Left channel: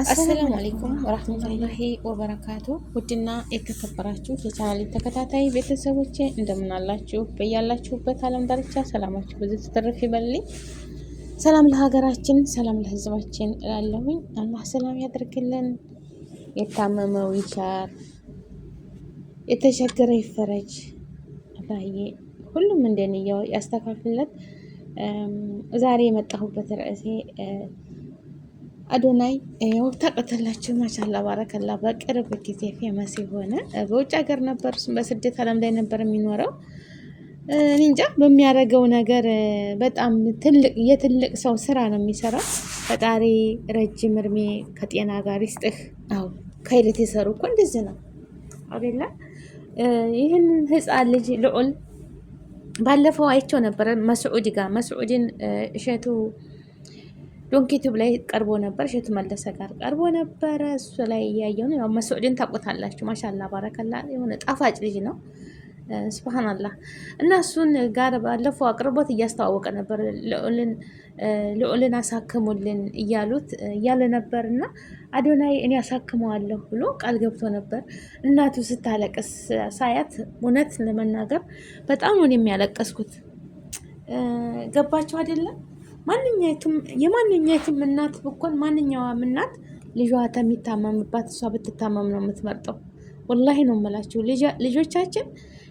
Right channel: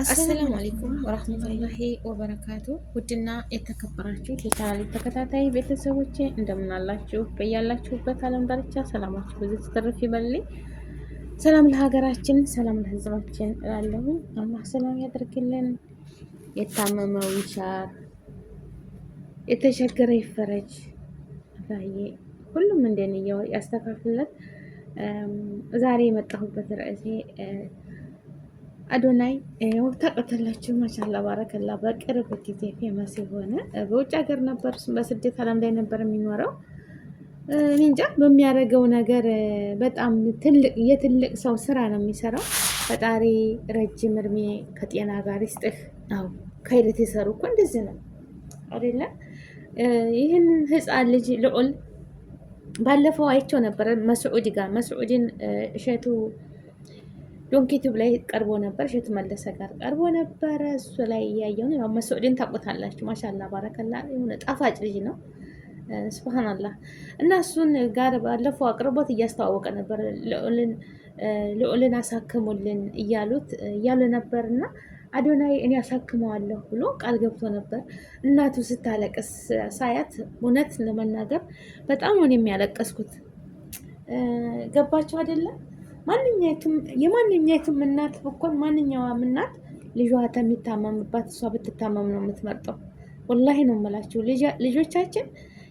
አሰላሙ አለይኩም ወራህመቱላሂ ወበረካቱ። ውድና የተከበራችሁ የቻናሌ ተከታታይ ቤተሰቦቼ እንደምን አላችሁ? በያላችሁበት ዓለም ዳርቻ ሰላማችሁ ብዙ ተተረፍ ይበልልኝ። ሰላም ለሀገራችን፣ ሰላም ለሕዝባችን እላለሁኝ። አላህ ሰላም ያደርግልን፣ የታመመው ይሻር፣ የተቸገረ ይፈረጅ። አላህዬ ሁሉም እንደነያው ያስተካክልለት። ዛሬ የመጣሁበት ርዕሴ አዶናይ ያው ታውቃላችሁ፣ ማሻላ ባረከላ በቅርብ ጊዜ ፌመስ የሆነ በውጭ ሀገር ነበር፣ በስደት ዓለም ላይ ነበር የሚኖረው። እኔ እንጃ በሚያደርገው ነገር በጣም የትልቅ ሰው ስራ ነው የሚሰራው። ፈጣሪ ረጅም እድሜ ከጤና ጋር ይስጥህ። አዎ ከይለት የሰሩ እኮ እንደዚህ ነው አይደለ? ይህን ህፃን ልጅ ልዑል ባለፈው አይቸው ነበረ መስዑድ ጋር መስዑድን እሸቱ ዶንኪቱብ ላይ ቀርቦ ነበር። እሸቱ መለሰ ጋር ቀርቦ ነበረ። እሱ ላይ እያየው ነው። ያው መስዑድን ታውቁታላችሁ። ማሻላ ባረከላ የሆነ ጣፋጭ ልጅ ነው። ሱብሃንአላህ። እና እሱን ጋር ባለፈው አቅርቦት እያስተዋወቀ ነበር። ልዑልን አሳክሙልን እያለ ነበር። እና አዶናይ እኔ አሳክመዋለሁ ብሎ ቃል ገብቶ ነበር። እናቱ ስታለቅስ ሳያት እውነት ለመናገር በጣም ነው የሚያለቀስኩት። ገባችሁ አይደለም? የማንኛይቱም እናት ብኮን ማንኛውም እናት ልጇ የሚታመምባት እሷ ብትታመም ነው የምትመርጠው። ወላሂ ነው የምላችሁ። ልጆቻችን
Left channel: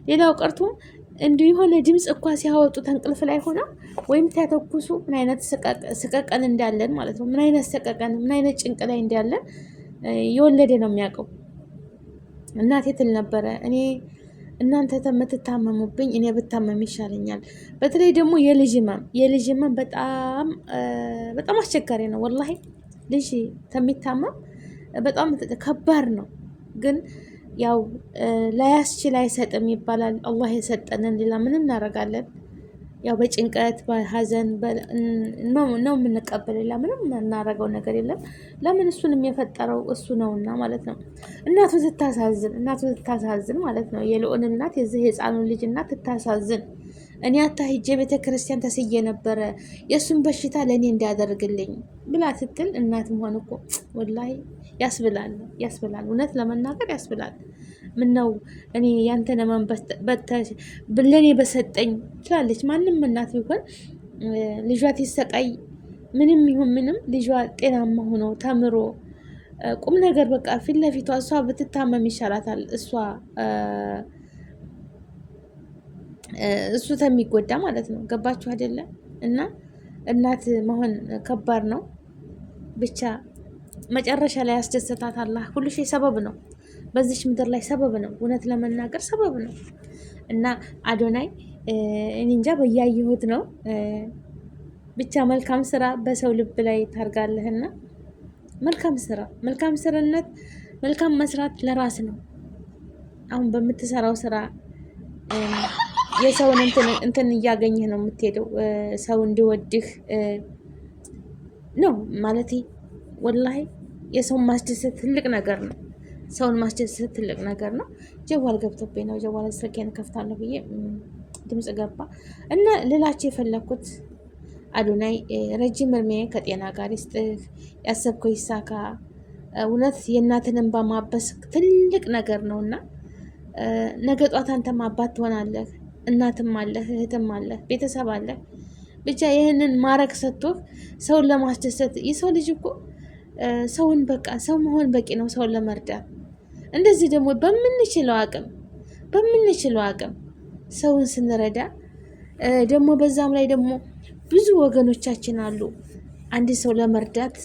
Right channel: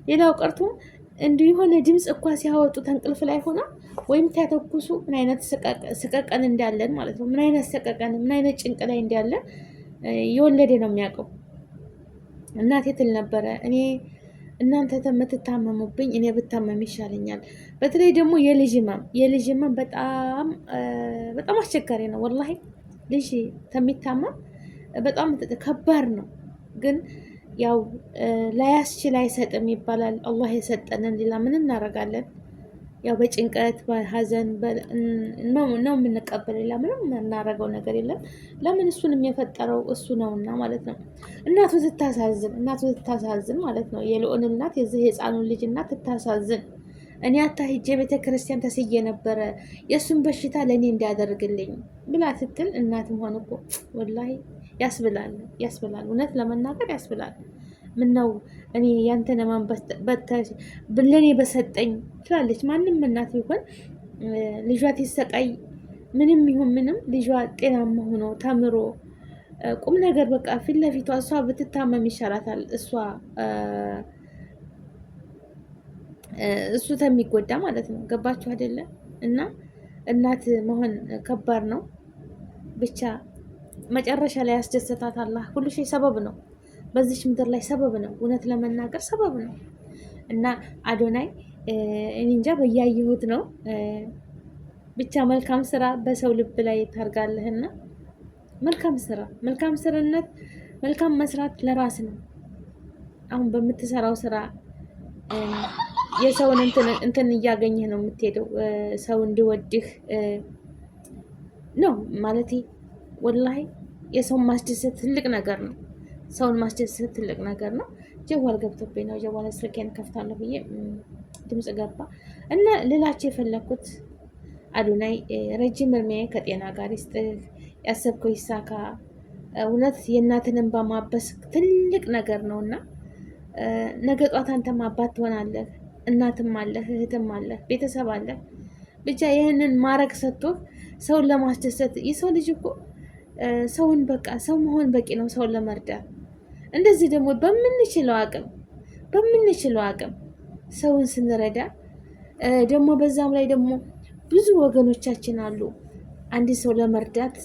ሌላው ቀርቶ እንዲሁ የሆነ ድምፅ እኳ ሲያወጡ ተንቅልፍ ላይ ሆነው ወይም ሲያተኩሱ ምን አይነት ስቀቀን እንዳለን ማለት ነው። ምን አይነት ሰቀቀን፣ ምን አይነት ጭንቅ ላይ እንዳለን የወለደ ነው የሚያውቀው። እናቴ ትል ነበረ እኔ እናንተ የምትታመሙብኝ እኔ ብታመም ይሻለኛል። በተለይ ደግሞ የልጅ ህመም በጣም አስቸጋሪ ነው። ወላሂ ልጅ ከሚታመም በጣም ከባድ ነው። ግን ያው ላያስችል አይሰጥም ይባላል። አላህ የሰጠንን ሌላ ምን እናደርጋለን? ያው በጭንቀት በሀዘን ነው የምንቀበል። ሌላ ምንም እናደርገው ነገር የለም። ለምን እሱንም የፈጠረው እሱ ነውና ማለት ነው። እናቱ ትታሳዝን ማለት ነው። የልዑል እናት የዚህ የህፃኑ ልጅ እናት ትታሳዝን። እኔ ሂጄ ቤተ ክርስቲያን ተስዬ ነበረ የእሱን በሽታ ለእኔ እንዲያደርግልኝ ብላ ስትል እናትም ሆነ እኮ ወላሂ ያስብላል። እውነት ለመናገር ያስብላል። ምነው እኔ ያንተን ህመም ለእኔ በሰጠኝ ትላለች። ማንም እናት ቢሆን ልጇ ሲሰቃይ ምንም ይሁን ምንም ልጇ ጤናማ ሆኖ ተምሮ ቁም ነገር በቃ ፊት ለፊቷ እሷ ብትታመም ይሻላታል። እሱ ተሚጎዳ ማለት ነው። ገባችሁ አይደለ? እና እናት መሆን ከባድ ነው። ብቻ መጨረሻ ላይ ያስደሰታት አላህ። ሁሉ ሺህ ሰበብ ነው በዚች ምድር ላይ ሰበብ ነው። እውነት ለመናገር ሰበብ ነው። እና አዶናይ እኔ እንጃ በያየሁት ነው። ብቻ መልካም ስራ በሰው ልብ ላይ ታርጋለህና መልካም ስራነት መልካም መስራት ለራስ ነው። አሁን በምትሰራው ስራ የሰውን እንትን እያገኘህ ነው የምትሄደው። ሰው እንዲወድህ ነው ማለት ወላሂ የሰውን ማስደሰት ትልቅ ነገር ነው። ሰውን ማስደሰት ትልቅ ነገር ነው። ጀዋል ገብቶብኝ ነው። ጀዋል ስልኬን ከፍታለሁ ብዬ ድምጽ ገባ እና ልላችሁ የፈለኩት አዶናይ ረጅም እድሜ ከጤና ጋር ይስጥህ፣ ያሰብከው ይሳካ። እውነት የእናትን እንባ ማበስ ትልቅ ነገር ነውና ነገ ጧት አንተም አባት ትሆናለህ። እናትም አለህ፣ እህትም አለህ፣ ቤተሰብ አለህ። ብቻ ይህንን ማረግ ሰጥቶህ ሰውን ለማስደሰት የሰው ልጅ እኮ ሰውን በቃ ሰው መሆን በቂ ነው ሰውን ለመርዳት። እንደዚህ ደግሞ በምንችለው አቅም ሰውን ስንረዳ ደግሞ በዛም ላይ ደግሞ ብዙ ወገኖቻችን አሉ አንድ ሰው ለመርዳት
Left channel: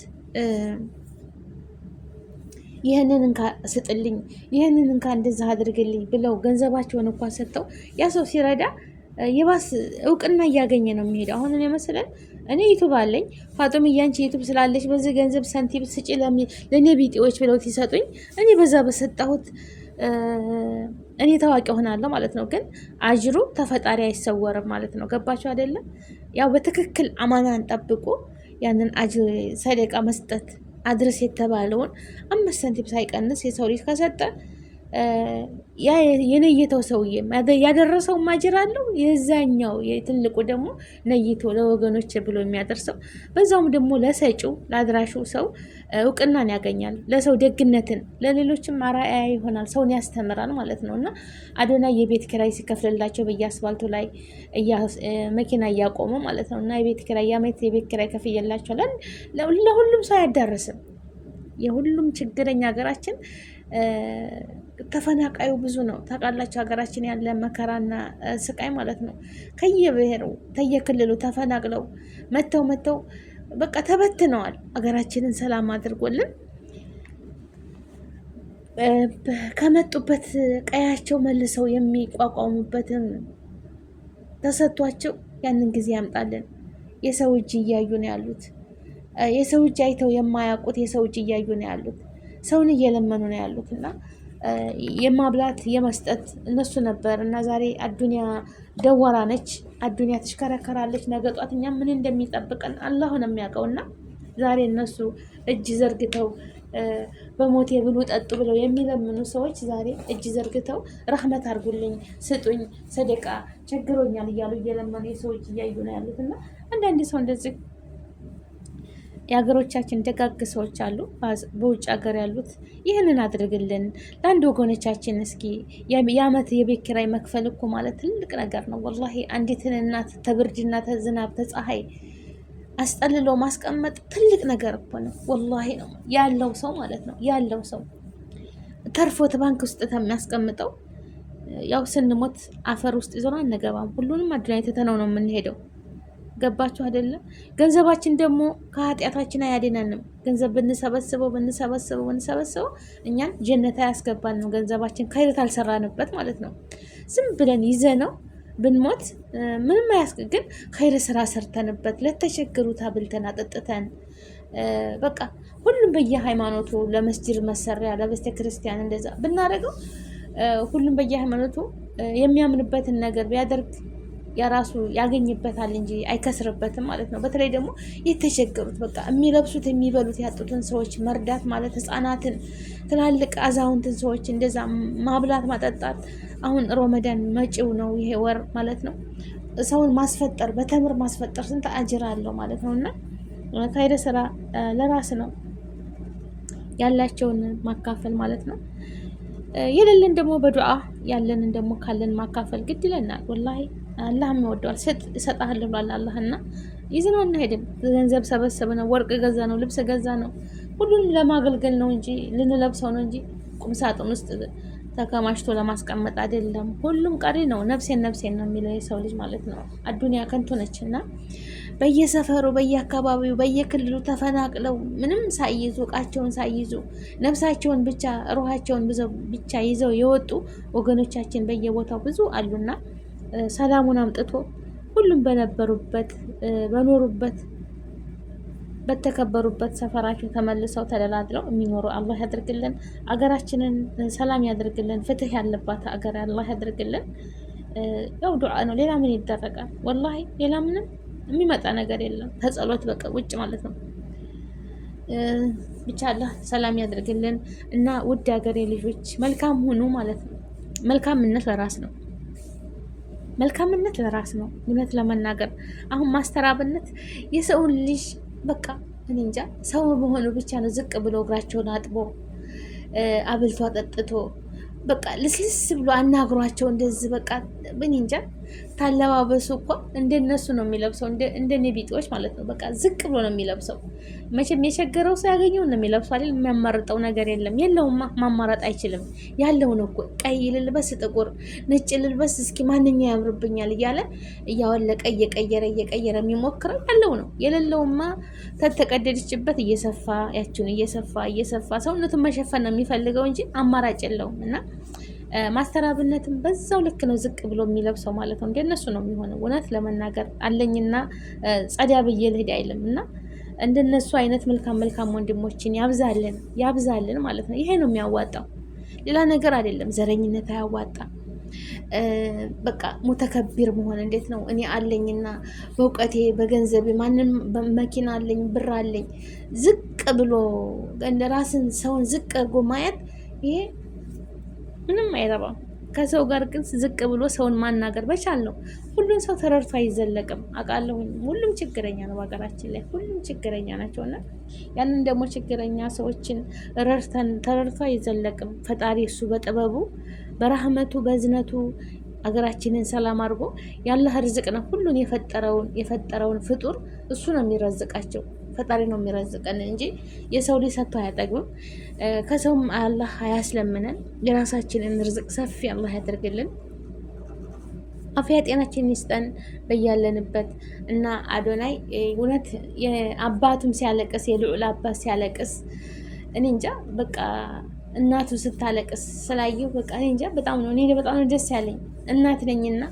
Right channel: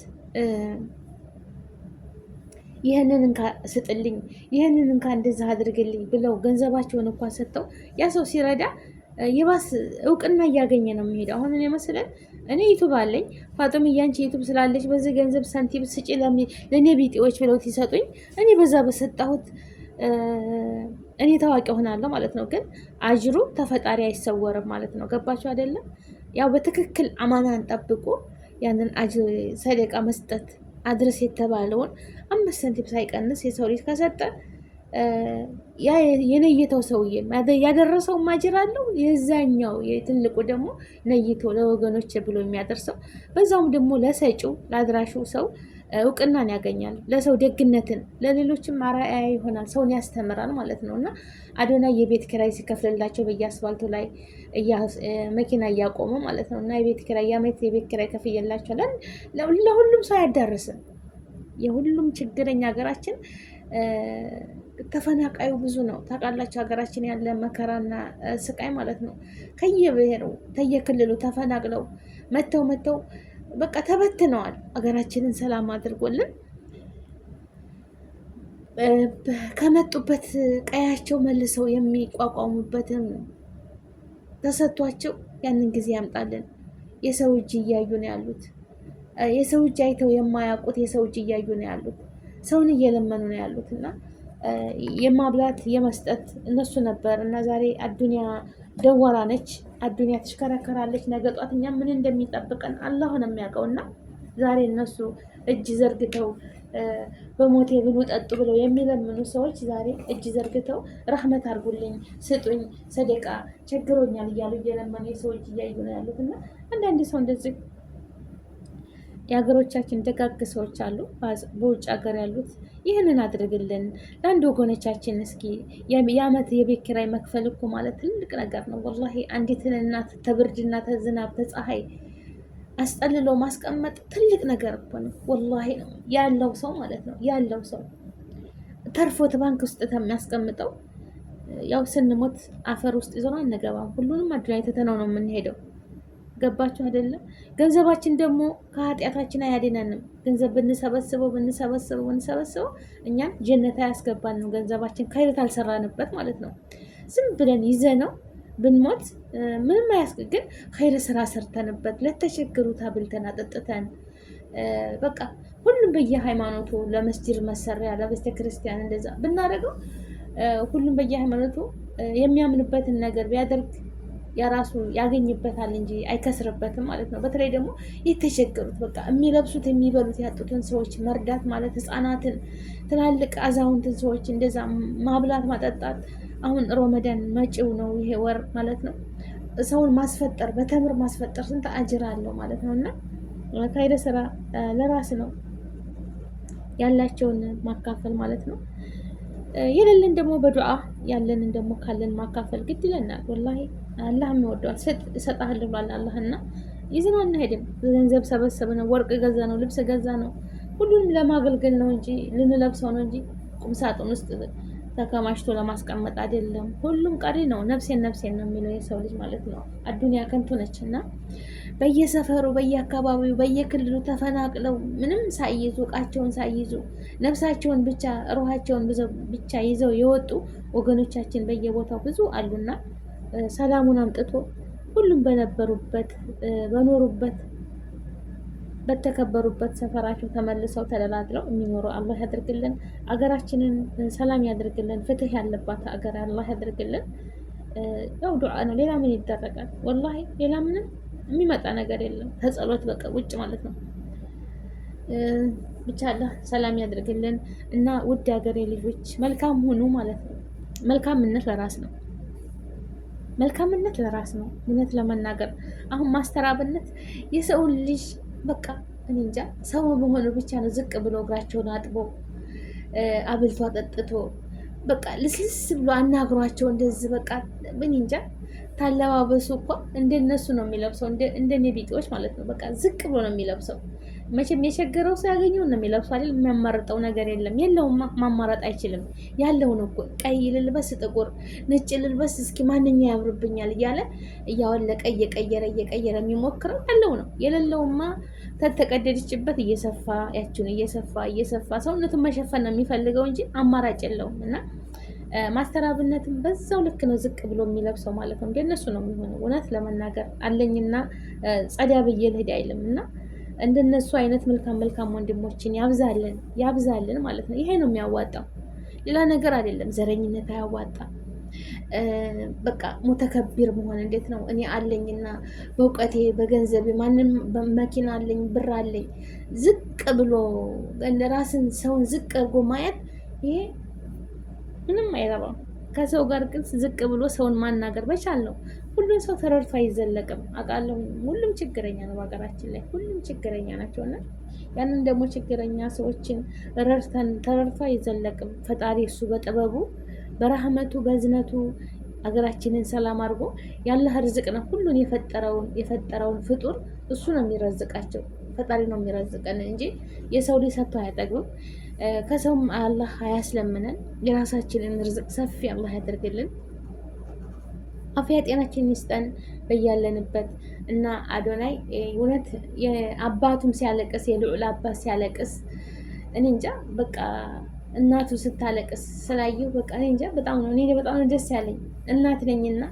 ይህንን እንካ ስጥልኝ፣ ይህንን እንካ እንደዛ አድርግልኝ ብለው ገንዘባቸውን እንኳን ሰጥተው ያ ሰው ሲረዳ የባስ እውቅና እያገኘ ነው የሚሄደው። አሁን እኔ መሰለን እኔ ዩቱብ አለኝ፣ ፋጡም እያንቺ ዩቱብ ስላለች በዚህ ገንዘብ ሳንቲም ስጪ ለእኔ ቢጤዎች ብለው ሲሰጡኝ እኔ በዛ በሰጣሁት እኔ ታዋቂ ሆናለሁ ማለት ነው። ግን አጅሩ ተፈጣሪ አይሰወርም ማለት ነው። ገባችሁ አይደለም? ያው በትክክል አማናን ጠብቆ ያንን አጅር ሰደቃ መስጠት አድርስ የተባለውን 5 ሳንቲም ሳይቀንስ የሰው ልጅ ከሰጠ ያ የነየተው ሰውዬ ያደረሰው ማጅር አለው። የዛኛው የትልቁ ደግሞ ነይቶ ለወገኖች ብሎ የሚያደርሰው በዛውም ደግሞ ለሰጪው ለአድራሹ ሰው እውቅናን ያገኛል። ለሰው ደግነትን ለሌሎችም አርአያ ይሆናል። ሰውን ያስተምራል ማለት ነው። እና አዶናይ የቤት ኪራይ ሲከፍልላቸው በየአስፋልቱ ላይ መኪና እያቆሙ ማለት ነው። እና የቤት ኪራይ የዓመት የቤት ኪራይ ከፍየላቸዋል። ለሁሉም ሰው አያዳርስም። የሁሉም ችግረኛ ሀገራችን ተፈናቃዩ ብዙ ነው። ታውቃላችሁ ሀገራችን ያለ መከራና ስቃይ ማለት ነው። ከየብሔሩ ከየክልሉ ተፈናቅለው መተው በቃ ተበትነዋል። ሀገራችንን ሰላም አድርጎልን ከመጡበት ቀያቸው መልሰው የሚቋቋሙበትን ተሰጥቷቸው ያንን ጊዜ ያምጣልን። የሰው እጅ እያዩ ነው ያሉት። የሰው እጅ አይተው የማያውቁት የሰው እጅ እያዩ ነው ያሉት። ሰውን እየለመኑ ነው ያሉት እና የማብላት የመስጠት እነሱ ነበር እና ዛሬ አዱኒያ ደወራ ነች። አዱኒያ ትሽከረከራለች። ነገ ጧት እኛ ምን እንደሚጠብቀን አላህ ነው የሚያውቀው። እና ዛሬ እነሱ እጅ ዘርግተው በሞቴ ብሉ ጠጡ ብለው የሚለምኑ ሰዎች ዛሬ እጅ ዘርግተው ረህመት አድርጉልኝ፣ ስጡኝ፣ ሰደቃ ቸግሮኛል እያሉ እየለመኑ የሰው እጅ እያዩ ነው ያሉት። እና አንዳንድ ሰው እንደዚህ የሀገሮቻችን ደጋግ ሰዎች አሉ፣ በውጭ ሀገር ያሉት ይህንን አድርግልን ለአንድ ወገኖቻችን። እስኪ የዓመት የቤት ኪራይ መክፈል እኮ ማለት ትልቅ ነገር ነው ወላሂ። አንዲትን እናት ተብርድና ተዝናብ ተፀሐይ አስጠልሎ ማስቀመጥ ትልቅ ነገር እኮ ነው ወላሂ። ነው ያለው ሰው ማለት ነው ያለው ሰው ተርፎት ባንክ ውስጥ የሚያስቀምጠው። ያው ስንሞት አፈር ውስጥ ይዞን አንገባም። ሁሉንም አዱንያ ትተነው ነው የምንሄደው። ገባችሁ አይደለም? ገንዘባችን ደግሞ ከኃጢአታችን አያድነንም። ገንዘብ ብንሰበስበው እኛን ጀነት አያስገባን ነው። ገንዘባችን ከይረት አልሰራንበት ማለት ነው። ዝም ብለን ይዘነው ብንሞት ምንም ግን ከይረ ስራ ሰርተንበት ለተቸገሩት አብልተን አጠጥተን በቃ ሁሉም በየሃይማኖቱ ለመስጂድ መሰሪያ ለቤተ ክርስቲያን እንደዛ ብናደርገው ሁሉም በየሃይማኖቱ የሚያምንበትን ነገር ቢያደርግ የራሱ ያገኝበታል እንጂ አይከስርበትም ማለት ነው። በተለይ ደግሞ የተቸገሩት በቃ የሚለብሱት የሚበሉት ያጡትን ሰዎች መርዳት ማለት ህፃናትን፣ ትላልቅ አዛውንትን ሰዎች እንደዛ ማብላት ማጠጣት። አሁን ሮመዳን መጪው ነው ይሄ ወር ማለት ነው። ሰውን ማስፈጠር በተምር ማስፈጠር ስንት አጅር አለው ማለት ነው። እና ካይደ ስራ ለራስ ነው ያላቸውን ማካፈል ማለት ነው። የሌለን ደግሞ በዱዓ ያለንን ደግሞ ካለን ማካፈል ግድ ይለናል ወላሂ። አላህም ይወደዋል። እሰጥሃለሁ ብሏል አላህና ይዘነው እንሄድን። ገንዘብ ሰበሰብ ነው፣ ወርቅ ገዛ ነው፣ ልብስ ገዛ ነው። ሁሉንም ለማገልገል ነው እንጂ ልንለብሰው ነው እንጂ ቁም ሳጥን ውስጥ ተከማችቶ ለማስቀመጥ አይደለም። ሁሉም ቀሪ ነው። ነፍሴን ነው የሚለው የሰው ልጅ ማለት ነው። አዱንያ ከንቱ ነች እና በየሰፈሩ በየአካባቢው በየክልሉ ተፈናቅለው ምንም ሳይይዙ እቃቸውን ሳይይዙ ነፍሳቸውን ብቻ ሩሃቸውን ብቻ ይዘው የወጡ ወገኖቻችን በየቦታው ብዙ አሉና ሰላሙን አምጥቶ ሁሉም በነበሩበት በኖሩበት በተከበሩበት ሰፈራቸው ተመልሰው ተደላድለው የሚኖሩ አላህ ያድርግልን። አገራችንን ሰላም ያድርግልን። ፍትህ ያለባት አገር አላህ ያድርግልን። ያው ዱዓ ነው፣ ሌላ ምን ይደረጋል? ወላሂ ሌላ ምንም የሚመጣ ነገር የለም ከጸሎት በቃ ውጭ ማለት ነው። ብቻ አላህ ሰላም ያድርግልን እና ውድ ሀገሬ ልጆች መልካም ሁኑ ማለት ነው። መልካምነት ለራስ ነው። መልካምነት ለራስ ነው። እውነት ለመናገር አሁን ማስተራብነት የሰውን ልጅ በቃ እኔ እንጃ ሰው በሆኑ ብቻ ነው ዝቅ ብሎ እግራቸውን አጥቦ አብልቶ አጠጥቶ በቃ ልስልስ ብሎ አናግሯቸው እንደዚህ በቃ እኔ እንጃ ታለባበሱ እኮ እንደነሱ ነው የሚለብሰው፣ እንደኔ ቢጤዎች ማለት ነው። በቃ ዝቅ ብሎ ነው የሚለብሰው። መቼም የቸገረው ሰው ያገኘው ነው የሚለብሰው አይደል? የሚያማርጠው ነገር የለውማ። ማማረጥ አይችልም። ያለውን እኮ ቀይ ልልበስ፣ ጥቁር፣ ነጭ ልልበስ፣ እስኪ ማንኛው ያምርብኛል እያለ እያወለቀ እየቀየረ የሚሞክረው ያለው ነው። የሌለውማ ተተቀደደችበት እየሰፋ ያችን እየሰፋ ሰውነቱን መሸፈን ነው የሚፈልገው እንጂ አማራጭ የለውም። እና ማስተራብነትም በዛው ልክ ነው ዝቅ ብሎ የሚለብሰው ማለት ነው። እንደነሱ ነው የሚሆነው። እውነት ለመናገር አለኝና ጸዳ ብዬ ልሄድ አይልም እና እንደነሱ አይነት መልካም ወንድሞችን ያብዛልን ማለት ነው። ይሄ ነው የሚያዋጣው፣ ሌላ ነገር አይደለም። ዘረኝነት አያዋጣም። በቃ ሙተከቢር መሆን እንዴት ነው? እኔ አለኝና በእውቀቴ በገንዘቤ ማንም መኪና አለኝ ብር አለኝ ዝቅ ብሎ ራስን ሰውን ዝቅ አድርጎ ማየት ይሄ ምንም አይረባም። ከሰው ጋር ግን ዝቅ ብሎ ሰውን ማናገር በቻል ነው። ሁሉን ሰው ተረድቶ አይዘለቅም። አውቃለሁኝ ሁሉም ችግረኛ ነው በሀገራችን ላይ ሁሉም ችግረኛ ናቸው። እና ያንን ደግሞ ችግረኛ ሰዎችን ረድተን ተረድቶ አይዘለቅም። ፈጣሪ እሱ በጥበቡ በረህመቱ በዝነቱ ሀገራችንን ሰላም አድርጎ ያለህ ርዝቅ ነው። ሁሉን የፈጠረውን ፍጡር እሱ ነው የሚረዝቃቸው። ፈጣሪ ነው የሚረዝቀን እንጂ የሰው ልጅ ሰጥቶ አያጠግብም። ከሰውም አላህ አያስለምነን። የራሳችንን ርዝቅ ሰፊ አላህ ያደርግልን። አፍያ ጤናችን ይስጠን በያለንበት። እና አዶናይ እውነት አባቱም ሲያለቅስ የልዑል አባት ሲያለቅስ እኔ እንጃ በቃ እናቱ ስታለቅስ ስላየው በቃ እኔ እንጃ በጣም ነው ደስ ያለኝ። እናት ነኝና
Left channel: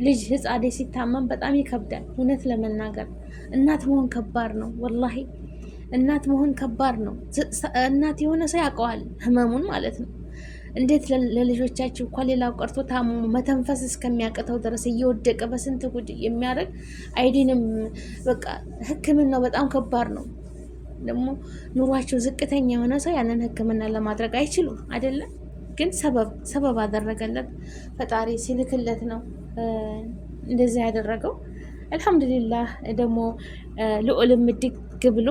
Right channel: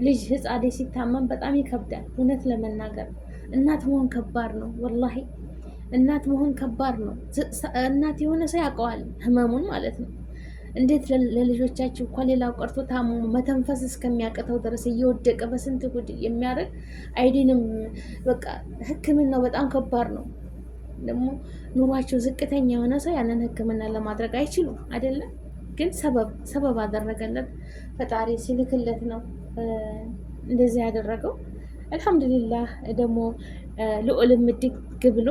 ልጅ ህፃዴ ሲታመም በጣም ይከብዳል። እውነት ለመናገር እናት መሆን ከባድ ነው ወላሂ። እናት መሆን ከባድ ነው። እናት የሆነ ሰው ያውቀዋል ህመሙን ማለት ነው። እንዴት ለልጆቻችሁ እኮ ሌላው ቀርቶ ታሞ መተንፈስ እስከሚያቅተው ድረስ እየወደቀ በስንት ጉድ የሚያደርግ አይዲንም በቃ ህክምናው በጣም ከባድ ነው። ደግሞ ኑሯቸው ዝቅተኛ የሆነ ሰው ያንን ህክምና ለማድረግ አይችሉም አይደለም። ግን ሰበብ አደረገለት ፈጣሪ ሲልክለት ነው እንደዚህ ያደረገው። አልሐምዱሊላህ ደግሞ ልዑልም ድግ ብሎ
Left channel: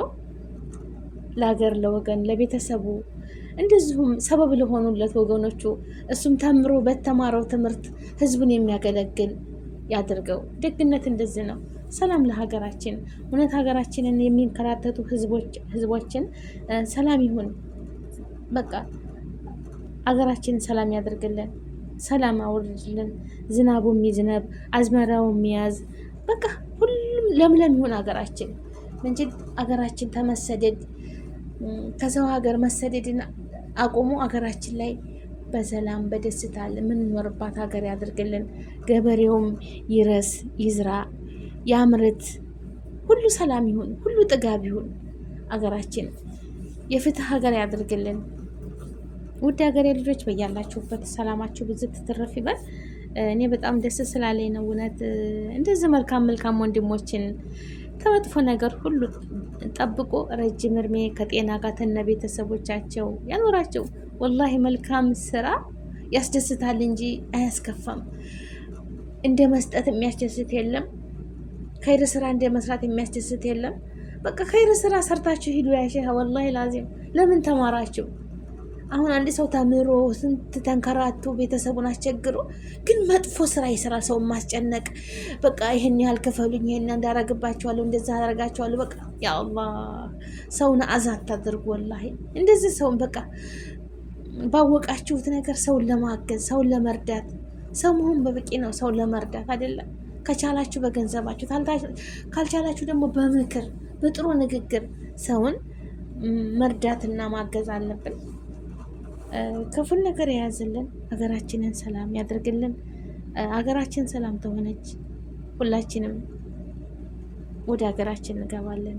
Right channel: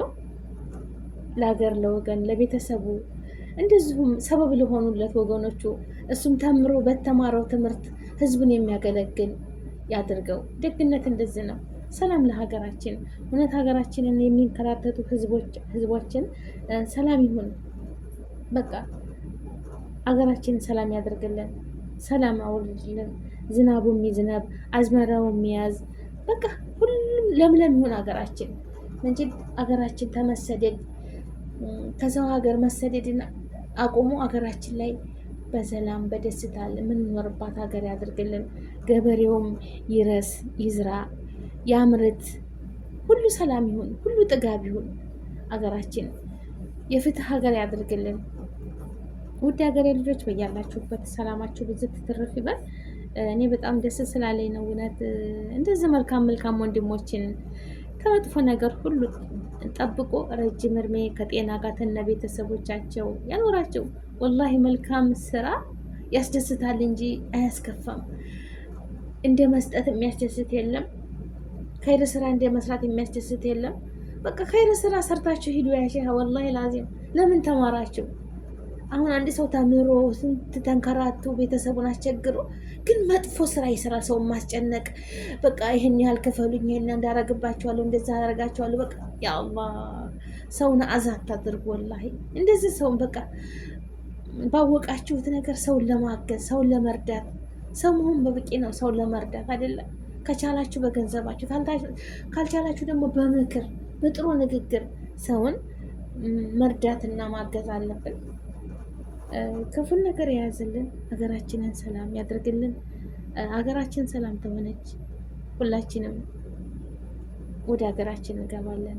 ለሀገር ለወገን ለቤተሰቡ እንደዚሁም ሰበብ ለሆኑለት ወገኖቹ እሱም ተምሮ በተማረው ትምህርት ህዝቡን የሚያገለግል ያድርገው። ደግነት እንደዚህ ነው። ሰላም ለሀገራችን። እውነት ሀገራችንን የሚንከራተቱ ህዝቦችን ሰላም ይሁን። በቃ ሀገራችንን ሰላም ያደርግልን። ሰላም አውርድልን። ዝናቡ የሚዝነብ አዝመራው የሚያዝ በቃ ሁሉም ለምለም ይሁን ሀገራችን እንጂ ሀገራችን ተመሰደድ ከሰው ሀገር መሰደድን አቁሞ ሀገራችን ላይ በሰላም በደስታ የምንኖርባት ሀገር ያደርግልን። ገበሬውም ይረስ ይዝራ ያምርት፣ ሁሉ ሰላም ይሁን፣ ሁሉ ጥጋብ ይሁን። ሀገራችን የፍትህ ሀገር ያደርግልን። ውድ ሀገሬ ልጆች በያላችሁበት ሰላማችሁ ብዙ ትትረፍ ይበል። እኔ በጣም ደስ ስላለኝ ነው እውነት እንደዚህ መልካም ወንድሞችን ከመጥፎ ነገር ሁሉ ጠብቆ ረጅም እድሜ ከጤና ጋር ተነ ቤተሰቦቻቸው ያኖራቸው። ወላሂ መልካም ስራ ያስደስታል እንጂ አያስከፋም። እንደ መስጠት የሚያስደስት የለም። ከይር ስራ እንደ መስራት የሚያስደስት የለም። በቃ ከይር ስራ ሰርታችሁ ሂዱ። ያሸ ወላሂ ላዚም ለምን ተማራችሁ? አሁን አንድ ሰው ተምሮ ስንት ተንከራቶ ቤተሰቡን አስቸግሮ ግን መጥፎ ስራ የስራ ሰውን ማስጨነቅ፣ በቃ ይህን ያህል ክፈሉኝ፣ ይህን እንዳረግባቸዋለሁ፣ እንደዛ አደርጋቸዋለሁ። በቃ ያ አላህ ሰውን አዛት ታድርጉ። ወላሂ እንደዚህ ሰውን በቃ ባወቃችሁት ነገር ሰውን ለማገዝ ሰውን ለመርዳት ሰው መሆን በበቂ ነው። ሰውን ለመርዳት አይደለም። ከቻላችሁ በገንዘባችሁ፣ ካልቻላችሁ ደግሞ በምክር በጥሩ ንግግር ሰውን መርዳትና ማገዝ አለብን። ክፉን ነገር የያዝልን፣ ሀገራችንን ሰላም ያደርግልን። ሀገራችን ሰላም ተሆነች ሁላችንም ወደ ሀገራችን እንገባለን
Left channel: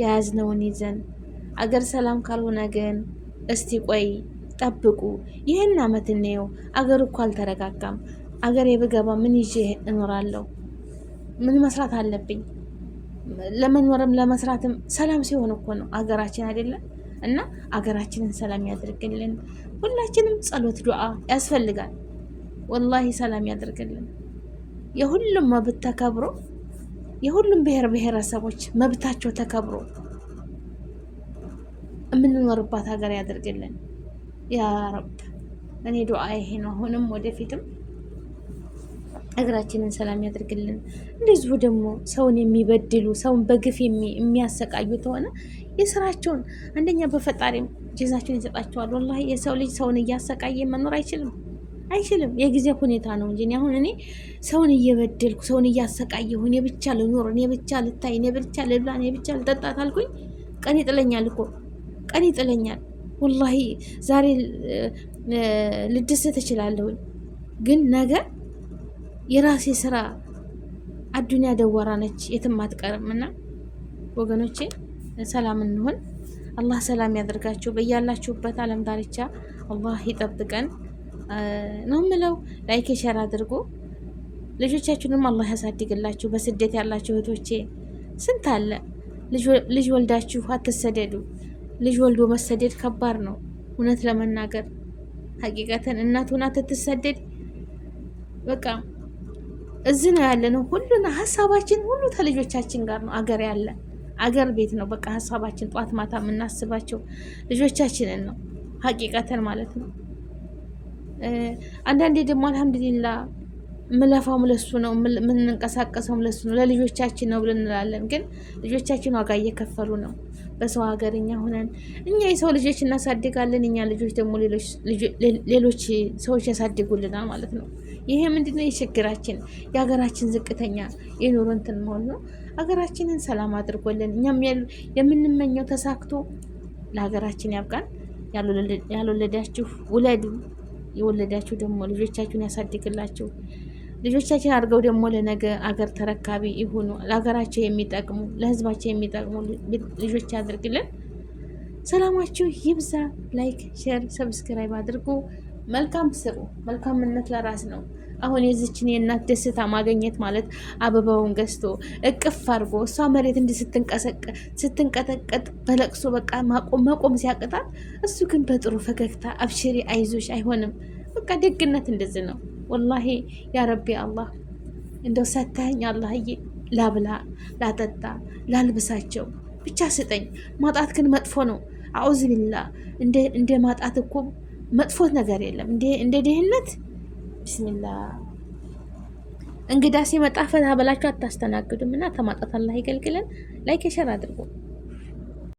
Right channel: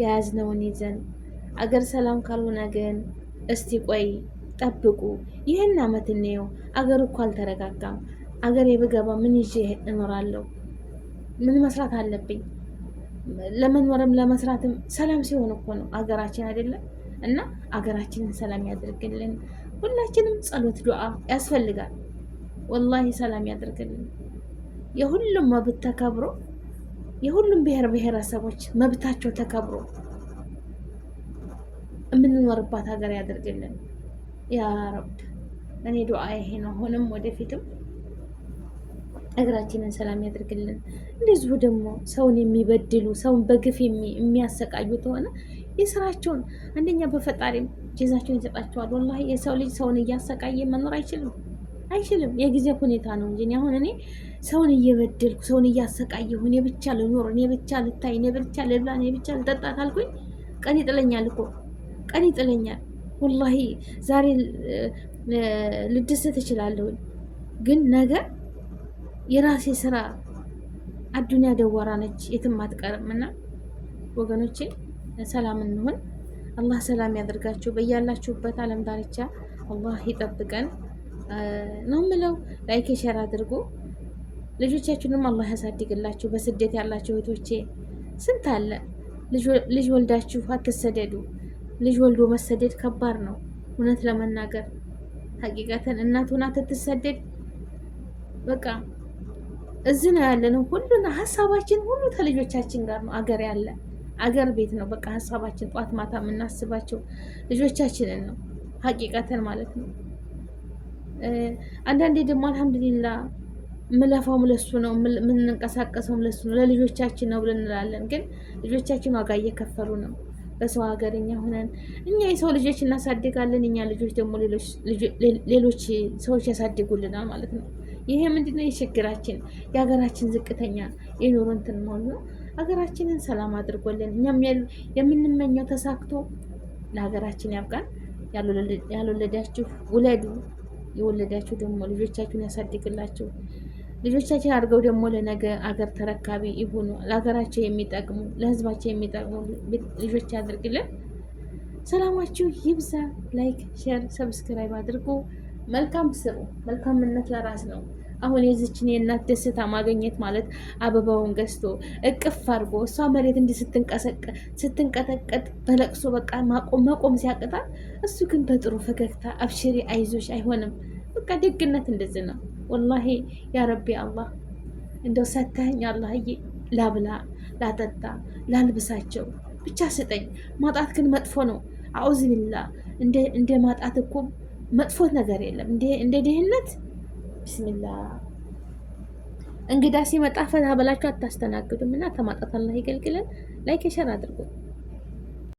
የያዝነውን ይዘን። አገር ሰላም ካልሆነ ግን እስቲ ቆይ ጠብቁ፣ ይህን አመት እንየው። አገር እኮ አልተረጋጋም። አገር የብገባ ምን ይዤ እኖራለሁ? ምን መስራት አለብኝ? ለመኖርም ለመስራትም ሰላም ሲሆን እኮ ነው አገራችን አይደለም። እና አገራችንን ሰላም ያደርግልን። ሁላችንም ጸሎት ዱዓ ያስፈልጋል። ወላሂ ሰላም ያደርግልን። የሁሉም መብት ተከብሮ የሁሉም ብሔረሰቦች መብታቸው ተከብሮ የምንኖርባት ሀገር ያደርግልን ያ ረብ። እኔ ዱዓ ይሄ ነው። አሁንም ወደፊትም እግራችንን ሰላም ያደርግልን። እንደዚሁ ደግሞ ሰውን የሚበድሉ ሰውን በግፍ የሚያሰቃዩ ከሆነ የስራቸውን አንደኛ በፈጣሪም ጀዛቸውን ይሰጣቸዋል። ወላሂ የሰው ልጅ ሰውን እያሰቃየ መኖር አይችልም። የጊዜ ሁኔታ ነው እንጂ አሁን እኔ ሰውን እየበደልኩ ሰውን እያሰቃየሁ እኔ ብቻ ልኖር፣ እኔ ብቻ ልታይ፣ እኔ ብቻ ልብላ፣ እኔ ብቻ ልጠጣት አልኩኝ ቀን ይጥለኛል እኮ ቀን ይጥለኛል። ወላሂ ዛሬ ልደሰት እችላለሁኝ፣ ግን ነገ የራሴ ስራ አዱንያ ደወራ ነች፣ የትም አትቀርም። እና ወገኖቼ ሰላም እንሆን። አላህ ሰላም ያደርጋችሁ በያላችሁበት ዓለም ዳርቻ አላህ ይጠብቀን ነው የምለው። ላይክ ሼር አድርጉ። ልጆቻችሁንም አላህ ያሳድግላችሁ። በስደት ያላችሁ እህቶቼ ስንት አለ። ልጅ ወልዳችሁ አትሰደዱ። ልጅ ወልዶ መሰደድ ከባድ ነው እውነት ለመናገር ሀቂቀተን እናት ሆና ትትሰደድ በቃ እዚህ ነው ያለነው። ሁሉን ሀሳባችን ሁሉ ከልጆቻችን ጋር ነው። አገር ያለ አገር ቤት ነው በቃ ሀሳባችን ጧት ማታ የምናስባቸው ልጆቻችንን ነው ሀቂቀተን ማለት ነው። አንዳንዴ ደግሞ አልሐምዱሊላ ምለፋውም ለሱ ነው የምንንቀሳቀሰውም ለሱ ነው ለልጆቻችን ነው ብለን እንላለን። ግን ልጆቻችን ዋጋ እየከፈሉ ነው። በሰው ሀገር እኛ ሆነን እኛ የሰው ልጆች እናሳድጋለን። እኛ ልጆች ደግሞ ሌሎች ሰዎች ያሳድጉልናል ማለት ነው። ይሄ ምንድነው የችግራችን የሀገራችን ዝቅተኛ የኑሮ እንትን መሆን ነው። ሀገራችንን ሰላም አድርጎልን እኛም የምንመኘው ተሳክቶ ለሀገራችን ያብቃን። ያልወለዳችሁ ውለዱ፣ የወለዳችሁ ደግሞ ልጆቻችሁን ያሳድግላችሁ። ልጆቻችን አድርገው ደግሞ ለነገ አገር ተረካቢ ይሁኑ። ለሀገራቸው የሚጠቅሙ ለህዝባቸው የሚጠቅሙ ልጆች ያድርግልን። ሰላማችሁ ይብዛ። ላይክ፣ ሼር፣ ሰብስክራይብ አድርጉ። መልካም ስሩ። መልካምነት ለራስ ነው። አሁን የዚችን የእናት ደስታ ማግኘት ማለት አበባውን ገዝቶ እቅፍ አድርጎ እሷ መሬት እንዲህ ስትንቀጠቀጥ በለቅሶ በቃ መቆም ሲያቅጣት፣ እሱ ግን በጥሩ ፈገግታ አብሽሪ አይዞሽ አይሆንም። በቃ ደግነት እንደዚህ ነው። ወላሂ ያ ረቢ አላህ እንደው ሰተኸኝ አላህዬ፣ ላብላ፣ ላጠጣ፣ ላልብሳቸው ብቻ ስጠኝ። ማጣት ግን መጥፎ ነው። አዑዝ ቢላ እንደ ማጣት እኮ መጥፎ ነገር የለም። እንደ ድህነት ቢስሚላ። እንግዳ ሲመጣ ፈታ ብላችሁ አታስተናግዱም እና ተማጣት አላህ ይገልግለን። ላይክ ሸር አድርጉ።